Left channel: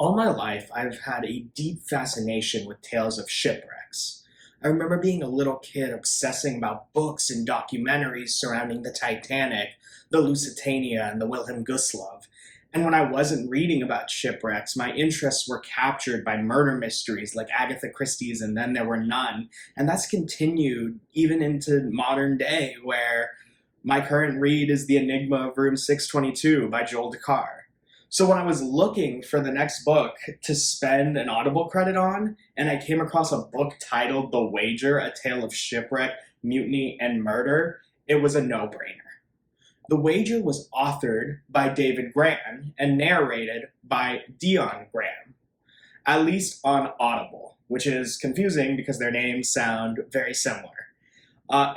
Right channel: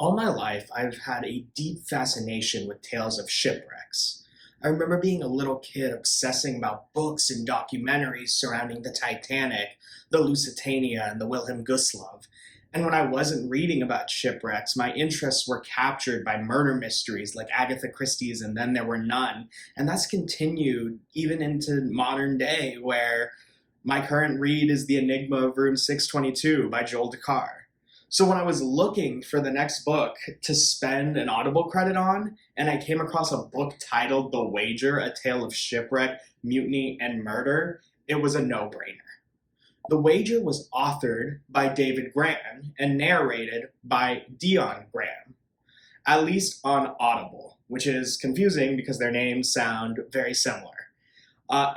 All my life, I've had a deep fascination with tales of shipwrecks. I remember being a little kid obsessing about books and documentaries surrounding the Titanic, the Lusitania, and the Wilhelm Gustloff. And when I wasn't reading about shipwrecks, my interests were captured by murder mysteries like Agatha Christie's and Then There Were None. And that's continued even into modern day, where my current read is The Enigma of Room 622 by Joel Dakar. So when I was looking for the next book to spend an Audible credit on, and I came across a book titled The Wager, A Tale of Shipwreck, Mutiny, and Murder, it was a no-brainer. The Wager was authored by David Grann and narrated by Dion Graham, at least on Audible, which is confusing because their names sound very similar.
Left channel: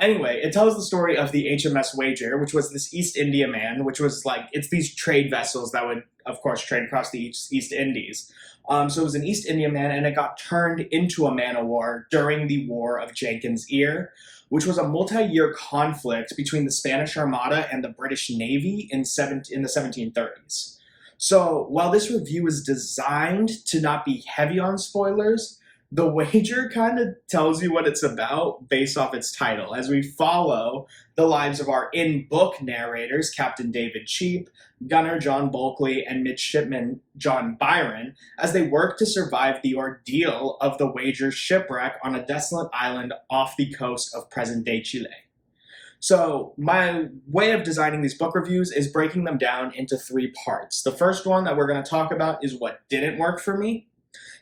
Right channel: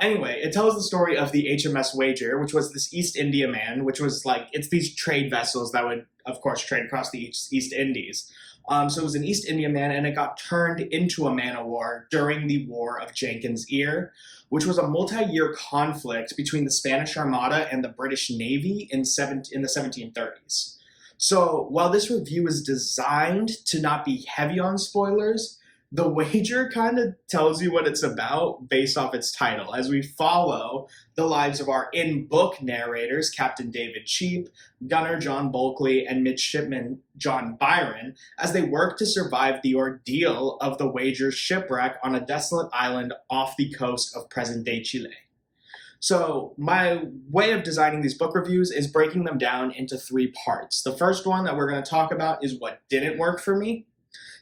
Anyway, it tells the story of the HMS Wager, which was this East India man, which was like, it's these trade vessels that would, of course, trade across the East Indies. So it was an East India man, and it got turned into a man of war during the War of Jenkins' Ear, which was a multi-year conflict between the Spanish Armada and the British Navy in the 1730s. So while this review is designed to not be heavy on spoilers, the Wager kind of tells you what it's about based off its title, as we follow the lives of our in-book narrators, Captain David Cheap, Gunner John Bulkley, and Midshipman John Byron, as they work to survive the ordeal of the Wager's shipwreck on a desolate island off the coast of present-day Chile. So my way of designing these book reviews is breaking them down into three parts. The first one that we're going to talk about is what didn't work for me.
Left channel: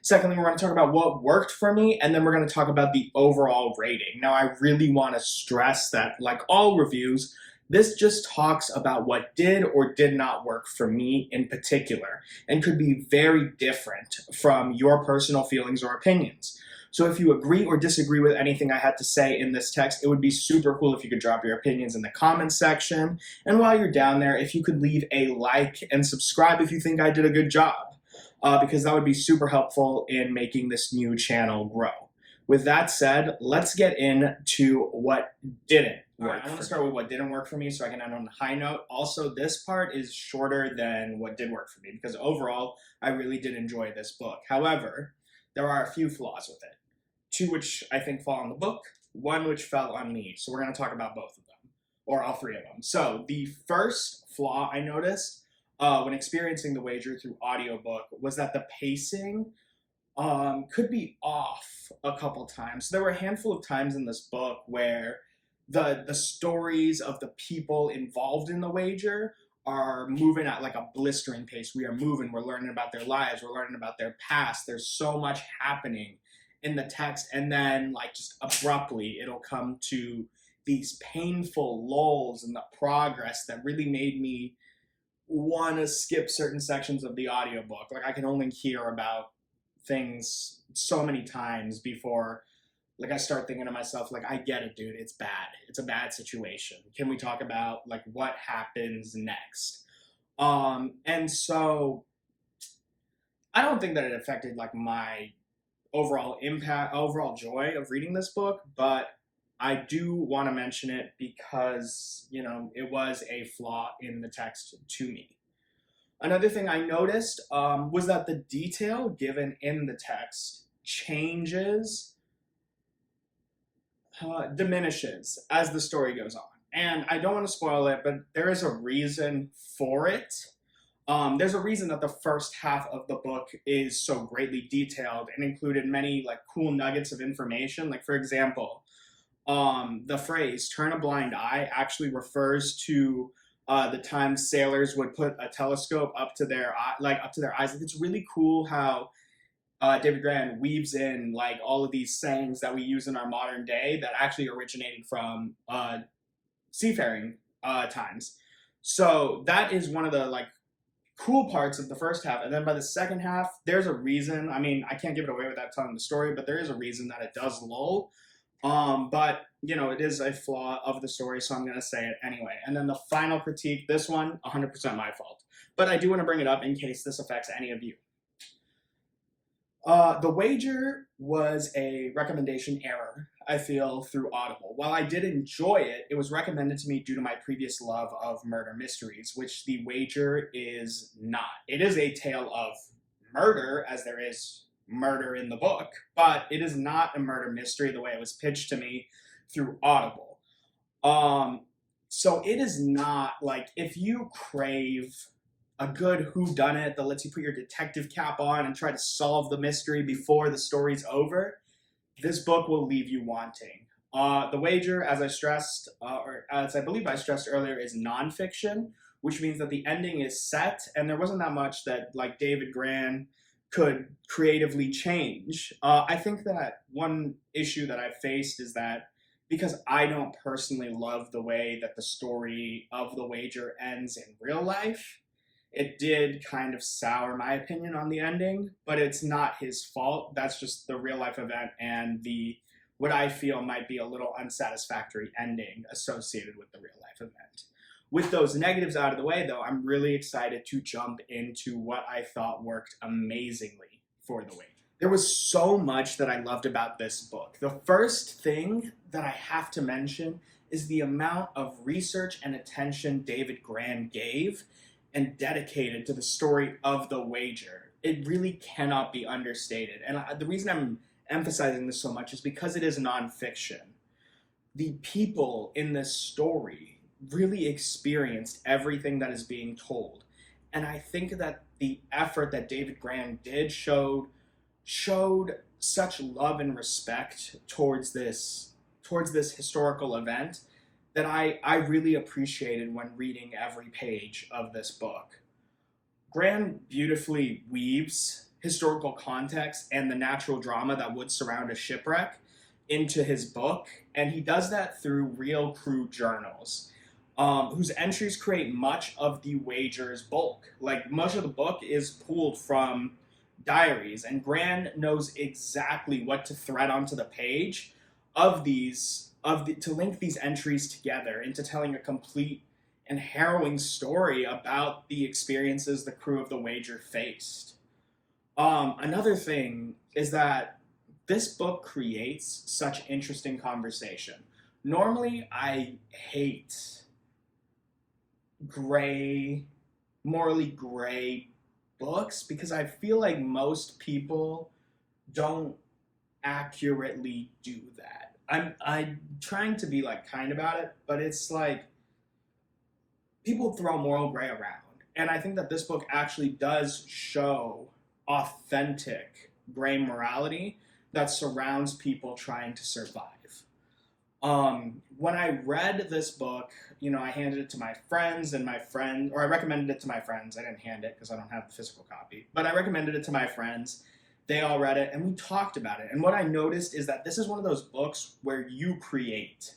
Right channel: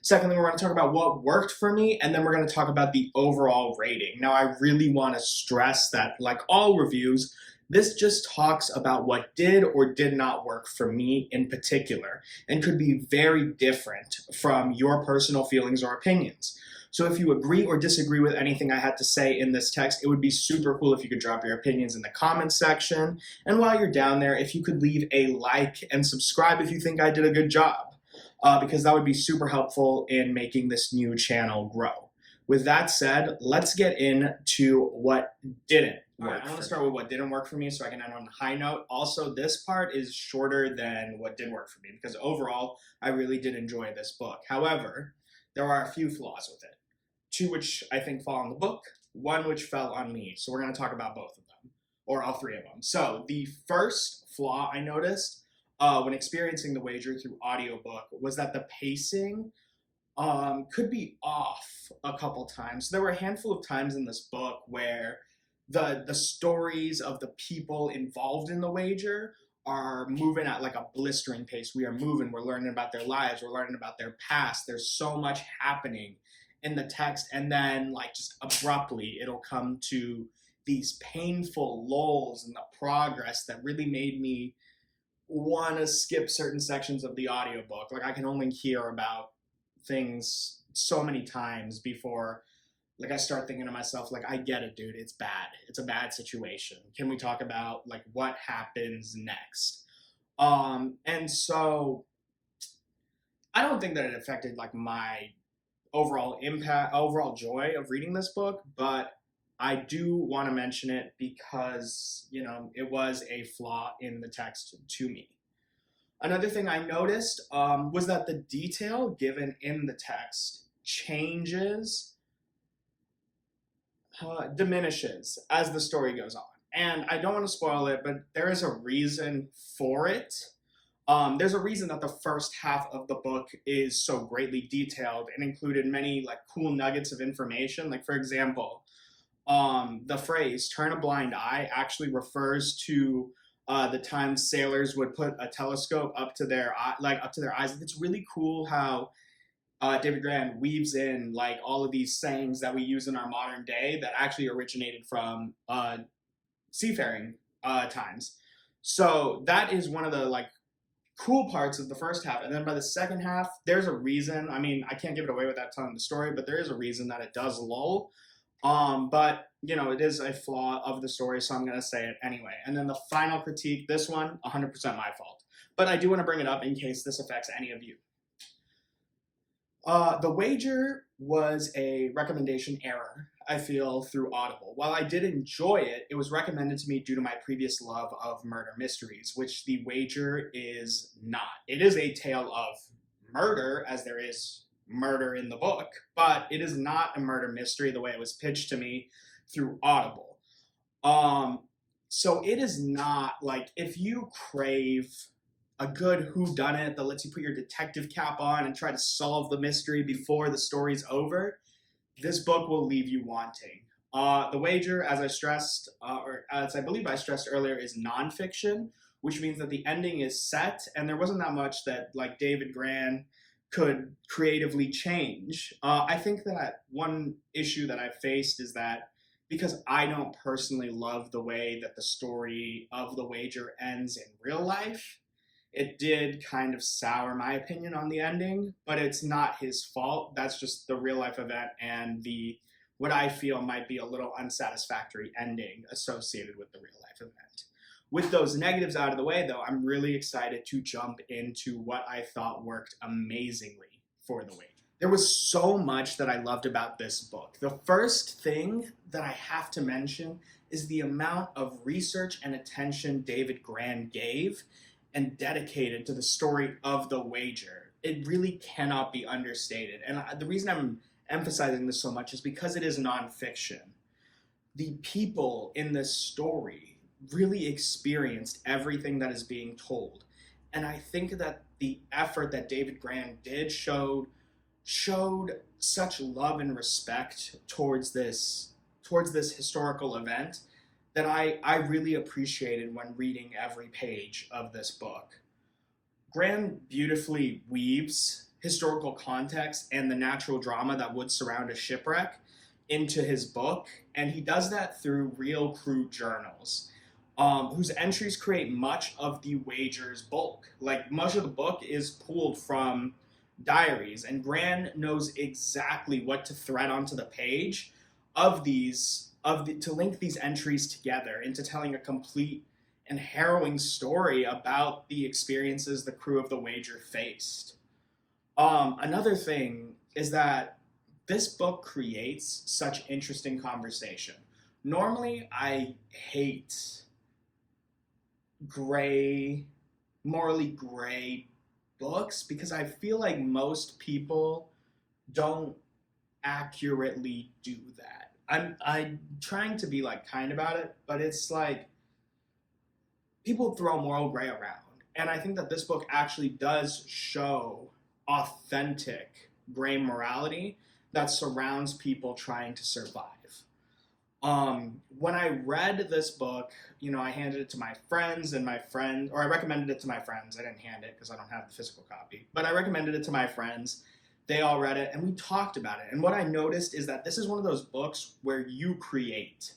Secondly, we're going to talk about what worked for me, and then we're going to talk about the overall rating. Now, I really want to stress that, like all reviews, this just talks about what did or did not work for me in particular, and could be very different from your personal feelings or opinions. So if you agree or disagree with anything I had to say in this text, it would be super cool if you could drop your opinions in the comments section. And while you're down there, if you could leave a like and subscribe if you think I did a good job. Because that would be super helpful in making this new channel grow. With that said, let's get into what didn't work. I want to start with what didn't work for me so I can end on a high note. Also, this part is shorter than what did work for me because overall, I really did enjoy this book. However, there are a few flaws with it. Two which I think fall on the book, one which fell on me. So we're going to talk about both of them, or all three of them. So the first flaw I noticed when experiencing The Wager through audiobook was that the pacing could be off a couple times. So there were a handful of times in this book where the stories of the people involved in The Wager are moving at like a blistering pace. We are moving, we're learning about their lives, we're learning about their past. There's so much happening in the text, and then like just abruptly it'll come to these painful lulls in the progress that really made me want to skip certain sections of the audiobook. Like I can only hear about things so many times before like I start thinking to myself, like, I get it, dude, it's bad. It's a bad situation. Can we talk about like what happens next? And so I don't think that it affected like my overall impact, overall joy of reading this book, but I do want to mention it because, you know, it was a flaw in the text to me. Another thing I noticed was that the detail given in the text diminishes as the story goes on. And I don't want to spoil it, but there is a reason for it. There's a reason that the first half of the book is so greatly detailed and included many like cool nuggets of information. Like, for example, the phrase "turn a blind eye" actually refers to the time sailors would put a telescope up to their eyes. Like it's really cool how David Grann weaves in like all of these sayings that we use in our modern day that actually originated from seafaring times. So that is one of the like cool parts of the first half. And then by the second half, there's a reason. I mean, I can't give it away without telling the story, but there is a reason that it does lull. But, you know, it is a flaw of the story, so I'm going to say it anyway. And then the final critique, this one, 100% my fault. But I do want to bring it up in case this affects any of you. The Wager was a recommendation error, I feel, through Audible. While I did enjoy it, it was recommended to me due to my previous love of murder mysteries, which The Wager is not. It is a tale of murder, as there is murder in the book, but it is not a murder mystery the way it was pitched to me through Audible. Um, so it is not like, if you crave a good whodunit that lets you put your detective cap on and try to solve the mystery before the story's over, this book will leave you wanting. The Wager, as I stressed, or as I believe I stressed earlier, is nonfiction, which means that the ending is set, and there wasn't that much that like David Grann could creatively change. I think that one issue that I've faced is that because I don't personally love the way that the story of The Wager ends in real life, it did kind of sour my opinion on the ending, but it's not his fault. That's just the real life event and the what I feel might be a little unsatisfactory ending associated with the real life event. With those negatives out of the way, though, I'm really excited to jump into what I thought worked amazingly for The Wager. There was so much that I loved about this book. The first thing that I have to mention is the amount of research and attention David Grann gave and dedicated to the story of The Wager. It really cannot be understated. And the reason I'm emphasizing this so much is because it is nonfiction. The people in this story really experienced everything that is being told. And I think that the effort that David Grann did showed such love and respect towards this historical event that I really appreciated when reading every page of this book. Grann beautifully weaves historical context and the natural drama that would surround a shipwreck into his book, and he does that through real crew journals, whose entries create much of the Wager's bulk. Like, much of the book is pulled from diaries, and Grann knows exactly what to thread onto the page to link these entries together into telling a complete and harrowing story about the experiences the crew of The Wager faced. Another thing is that this book creates such interesting conversation. Normally, I hate morally gray books because I feel like most people don't accurately do that. I'm trying to be like kind about it, but it's like people throw moral gray around. And I think that this book actually does show authentic gray morality that surrounds people trying to survive. When I read this book, I handed it to my friends, and I recommended it to my friends. I didn't hand it because I don't have the physical copy, but I recommended it to my friends. They all read it, and we talked about it. And what I noticed is that this is one of those books where you create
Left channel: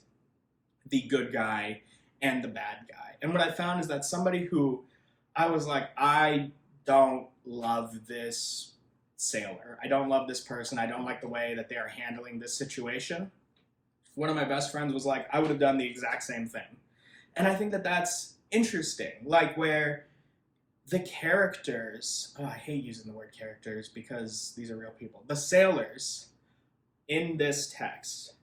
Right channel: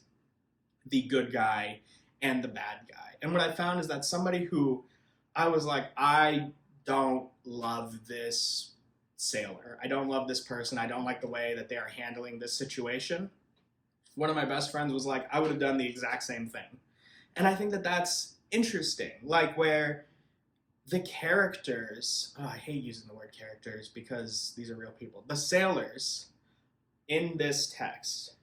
the good guy and the bad guy. And what I found is that somebody who I was like, I don't love this sailor. I don't love this person. I don't like the way that they are handling this situation. One of my best friends was like, I would have done the exact same thing. And I think that that's interesting. Like, where the characters, I hate using the word characters because these are real people. The sailors in this text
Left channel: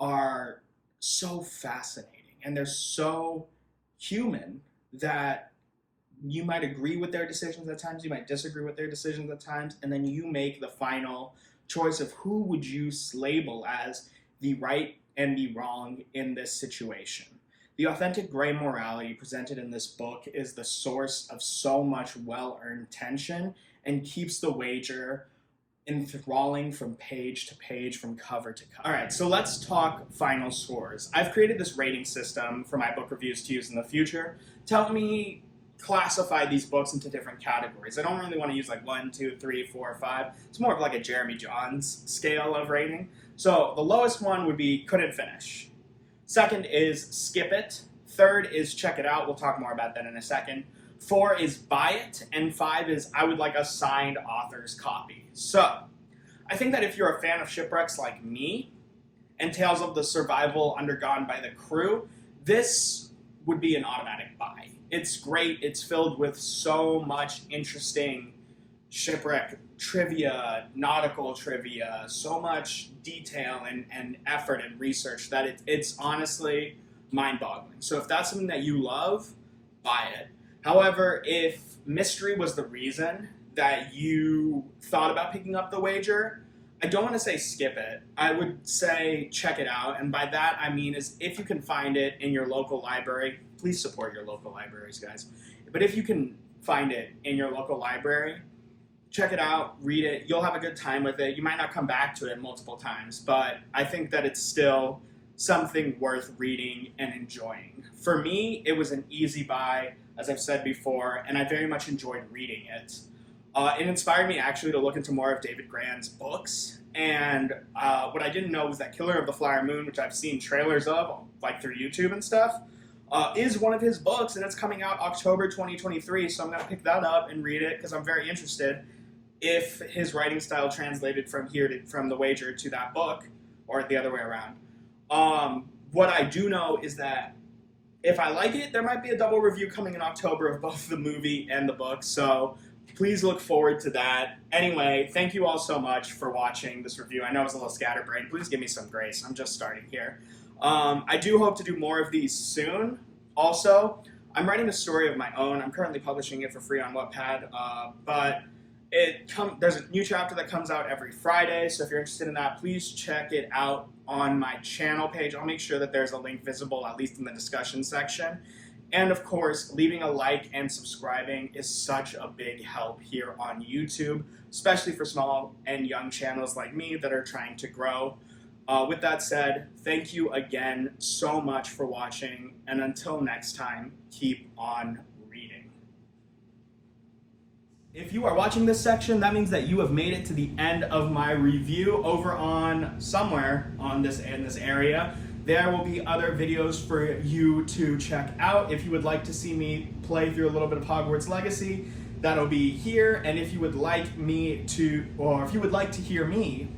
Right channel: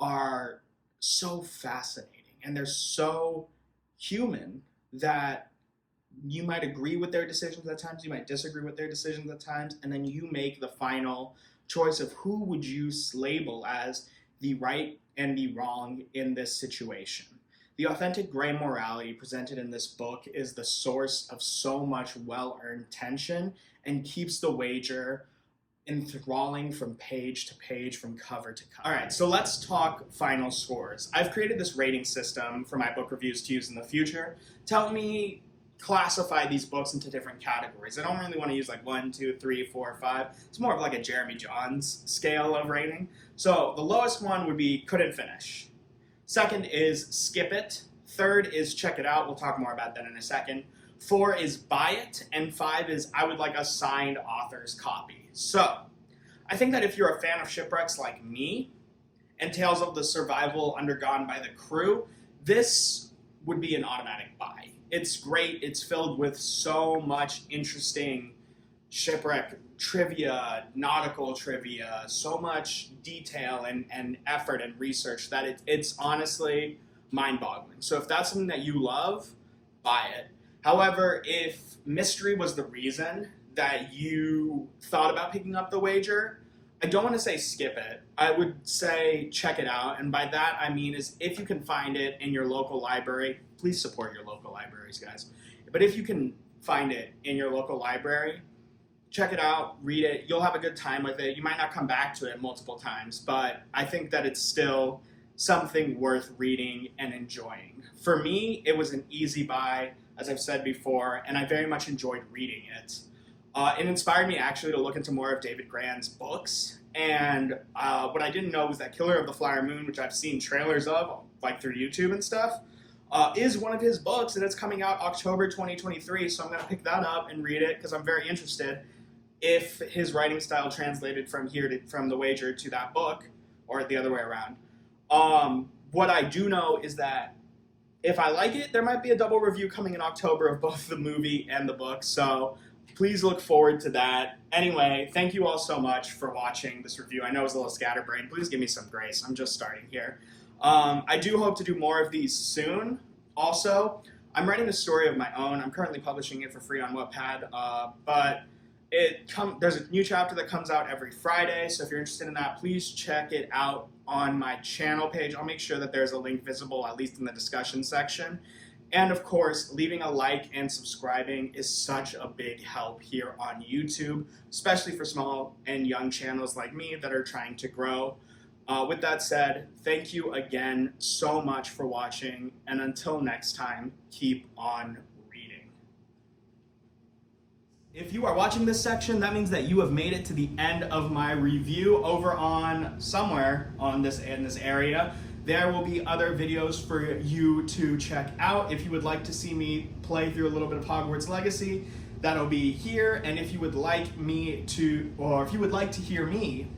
are so fascinating, and they're so human that you might agree with their decisions at times, you might disagree with their decisions at times, and then you make the final choice of who would you label as the right and the wrong in this situation. The authentic gray morality presented in this book is the source of so much well-earned tension and keeps The Wager enthralling from page to page, from cover to cover. All right, so let's talk final scores. I've created this rating system for my book reviews to use in the future to help me classify these books into different categories. I don't really want to use like 1, 2, 3, 4, 5. It's more of like a Jeremy Johns scale of rating. So the lowest one would be couldn't finish. Second is skip it. Third is check it out. We'll talk more about that in a second. 4 is buy it. And 5 is I would like a signed author's copy. So I think that if you're a fan of shipwrecks like me and tales of the survival undergone by the crew, this would be an automatic buy. It's great. It's filled with so much interesting shipwreck trivia, nautical trivia, so much detail and effort and research that it's honestly mind-boggling. So if that's something that you love, buy it. However, if mystery was the reason that you thought about picking up The Wager, I don't want to say skip it. I would say check it out. And by that, I mean is if you can find it in your local library, please support your local libraries, guys. But if you can find it in your local library, check it out, read it. You'll have a good time with it. You might not come back to it multiple times, but I think that it's still something worth reading and enjoying. For me, it was an easy buy, as I've said before, and I very much enjoyed reading it. It inspired me actually to look into more of David Grann's books, and what I didn't know was that Killer of the Flower Moon, which I've seen trailers of, like through YouTube and stuff, is one of his books, and it's coming out October 2023, so I'm going to pick that up and read it because I'm very interested if his writing style translated from from The Wager to that book, or the other way around. What I do know is that if I like it, there might be a double review coming in October of both the movie and the book, so please look forward to that. Anyway, thank you all so much for watching this review. I know it was a little scatterbrained. Please give me some grace. I'm just starting here. I do hope to do more of these soon. Also, I'm writing a story of my own. I'm currently publishing it for free on Wattpad, but there's a new chapter that comes out every Friday, so if you're interested in that, please check it out on my channel page. I'll make sure that there's a link visible, at least in the discussion section. And of course, leaving a like and subscribing is such a big help here on YouTube, especially for small and young channels like me that are trying to grow. With that said, thank you again so much for watching, and until next time, keep on reading. If you are watching this section, that means that you have made it to the end of my review. Over on somewhere in this area, there will be other videos for you to check out. If you would like to see me play through a little bit of Hogwarts Legacy, that'll be here. And if you would like me to, or if you would like to hear me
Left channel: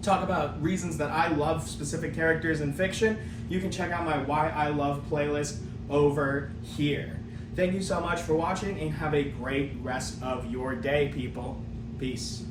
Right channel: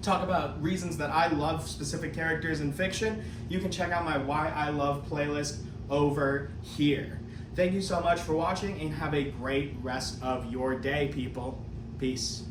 talk about reasons that I love specific characters in fiction, you can check out my Why I Love playlist over here. Thank you so much for watching, and have a great rest of your day, people. Peace.